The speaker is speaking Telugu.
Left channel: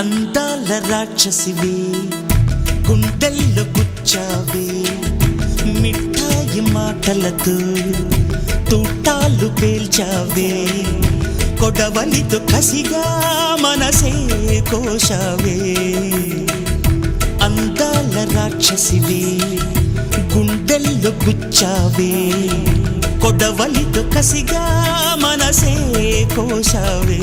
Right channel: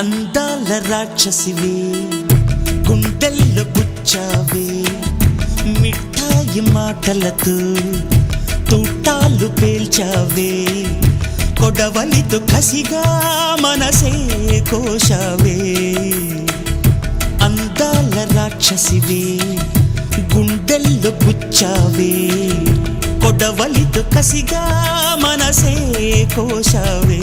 అందాల రాక్షసివే గుండెల్లో గుచ్చావే మిఠాయి మాటలతో తూటాలు పేల్చావే కొడవలితో కసిగా మనసే కోశావే అందాల రాక్షసివే గుండెల్లో గుచ్చావే కొడవలితో కసిగా మనసే కోశావే.